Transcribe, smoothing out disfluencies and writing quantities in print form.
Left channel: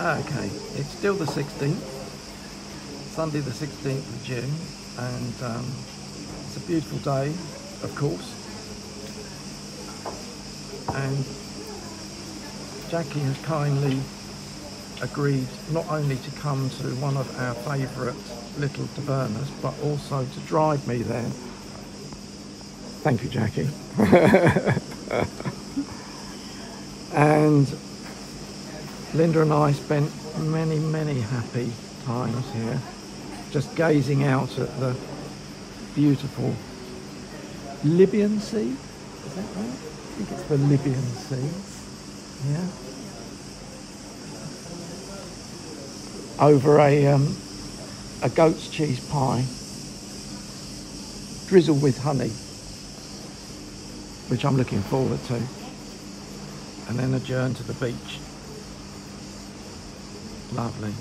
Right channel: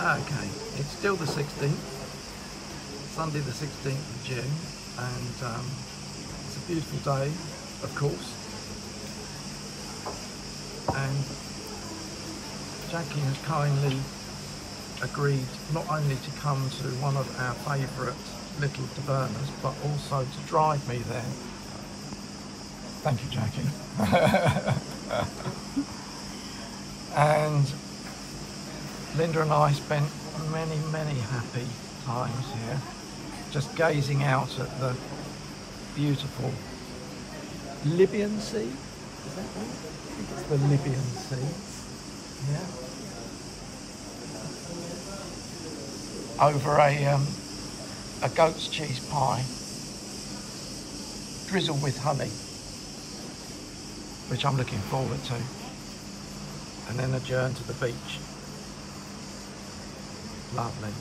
Okay, it's still the 16th, Sunday the 16th of June, and it's a beautiful day, of course. And Jackie has kindly agreed not only to come to one of our favourite little tavernas, but also to drive me there. Thank you, Jackie. And Linda and I spent many happy times here, just gazing out at the beautiful Libyan Sea. Is that right? I think it's the Libyan Sea. Yeah. Over a goat's cheese pie, drizzled with honey, which I'm looking forward to, and then adjourn to the beach. Lovely.